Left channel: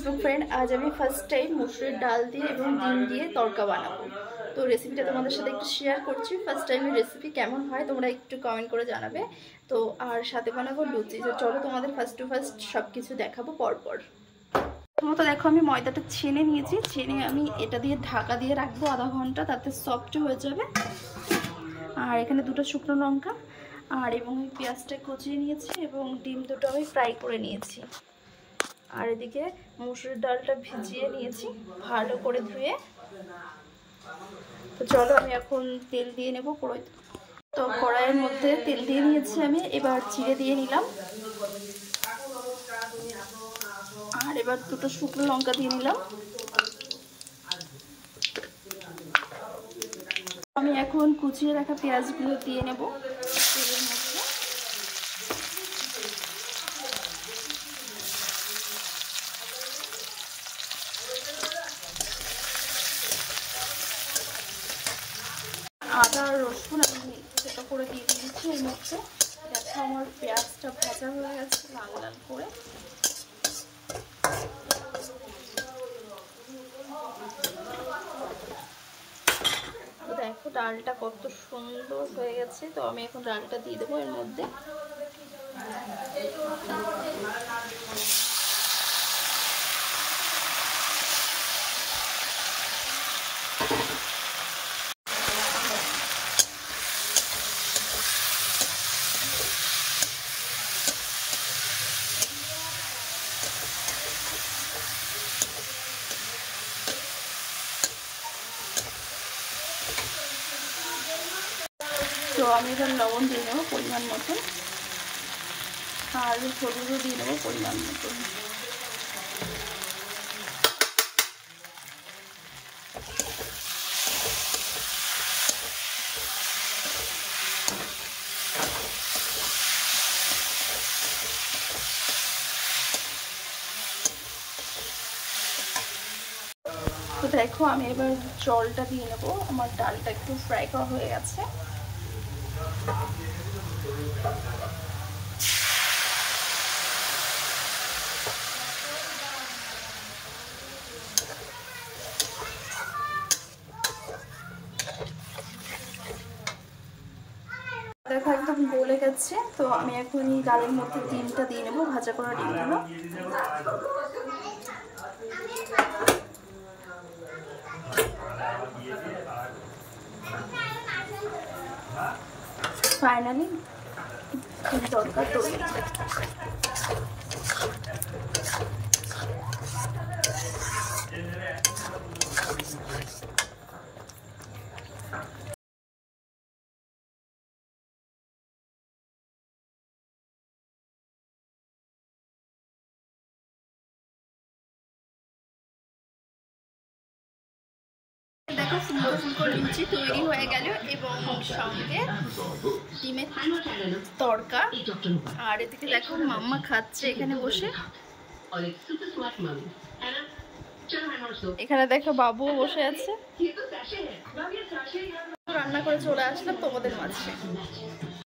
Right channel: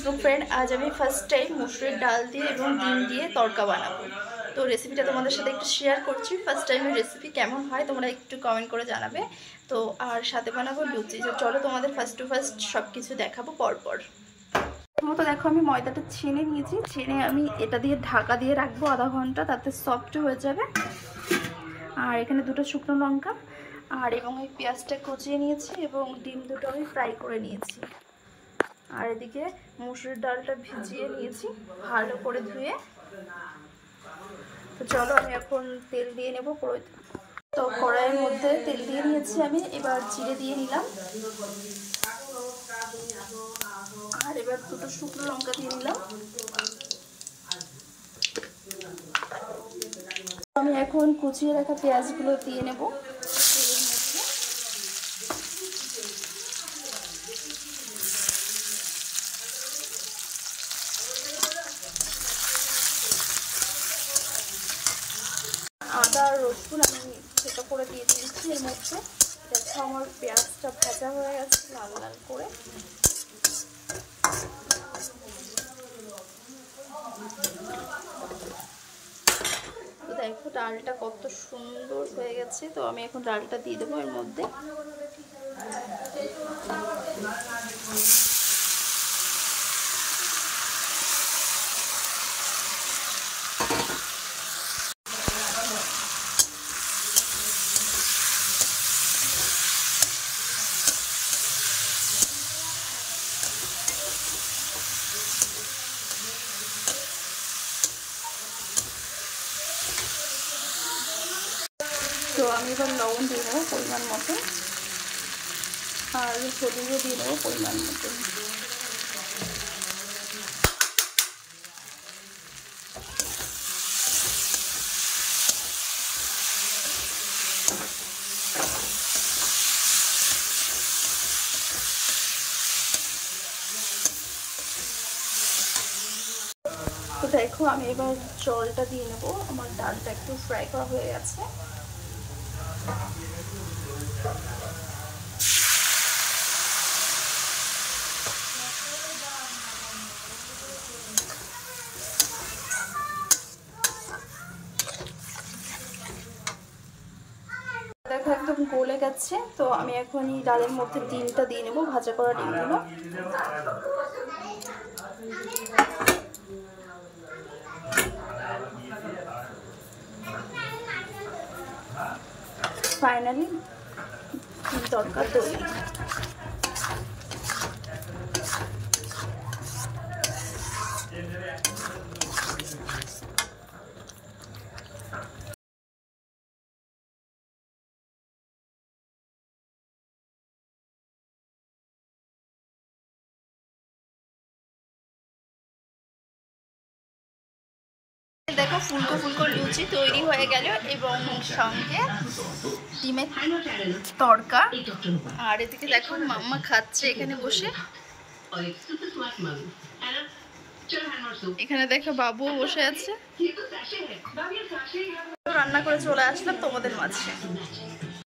Facebook friend, আজ আমি first time মুসুরির ডাল দিয়ে এবং ডিম দিয়ে তড়কা বানাবো। তো রেসিপিটা তোমাদের সাথে একটু শেয়ার করছি। ফার্স্ট টাইমের রেসিপি কেমন হয় তোমরা একটু কমেন্ট করে জানাবে। তো আর সাথে বানাবো লুচি। তো চলো তোমাদের ফার্স্ট টু ফার্স্ট সব কিছু দেখাবো পরপর। প্রথমত দেখো আমি ময়দাটা ছেনে নিয়েছি, ছেনে আমি এটা দিয়ে ঢাকা দিয়ে রাখবো আধা ঘন্টা, তাতে সফট হয়ে যাবে। আর এখানে দুটো শুকনো লঙ্কা আর এবং এই পেঁয়াজটা কুচিয়ে নিয়েছি এবং ডিম দুটো আমি ফ্রাই করে নিয়েছি। আর এদিকে মুসুরির ডালটা ভিজিয়ে নিয়েছি ভালো করে ধুয়ে। তো চলো আমি এখন তেল দিয়ে নেব কড়াইতে। তো কড়াইয়ের মধ্যে তেল দিয়ে নিয়েছি আমি, এবার জিরে দিয়ে নিলাম আর এবার দুটো শুকনো লঙ্কা দিয়ে নিলাম। আমি এখন কুচিয়ে রাখা পেঁয়াজগুলো দিয়ে নেব তেলের মধ্যে। আদা আর রসুন আমি সেটা করে দিয়ে দিয়েছি এর মধ্যে। দেখো আমার পেঁয়াজটা ভাজা হয়ে গেছে লাল লাল করে। তো দেখো ডালটা কত সুন্দর হয়ে গেছে। তো আমি এখন ডালটা দিয়ে দেবো এর মধ্যে। তো আমি এবার লবণ দিয়ে নেবো পরিমাণ মতন আর হলুদও দিয়ে নেবো পরিমাণ মতন। তো দেখো আমি এবার জলটা দিয়ে নেব, আমার ডালটা একটু ফ্রাই করা হয়ে গেছে। দেখো একদম গলে গেছে। তো আমি এখন এই ডালের মধ্যে ডিমটা দিয়ে নেব, ভাজা করা ডিমগুলো। ফাইনালি ডিম তড়কা তৈরি। দেখো ফুলকো ফুলকো লুচি তৈরি হয়ে গেল এবং সঙ্গে ডিমের তড়কা। আর এদিকে দেখো মাম্মা খাচ্ছে এখানে বসে। এখানে দেখো বাবুও বসে আছে। রান্না করে চলে আসলাম তোমাদের মাঝে।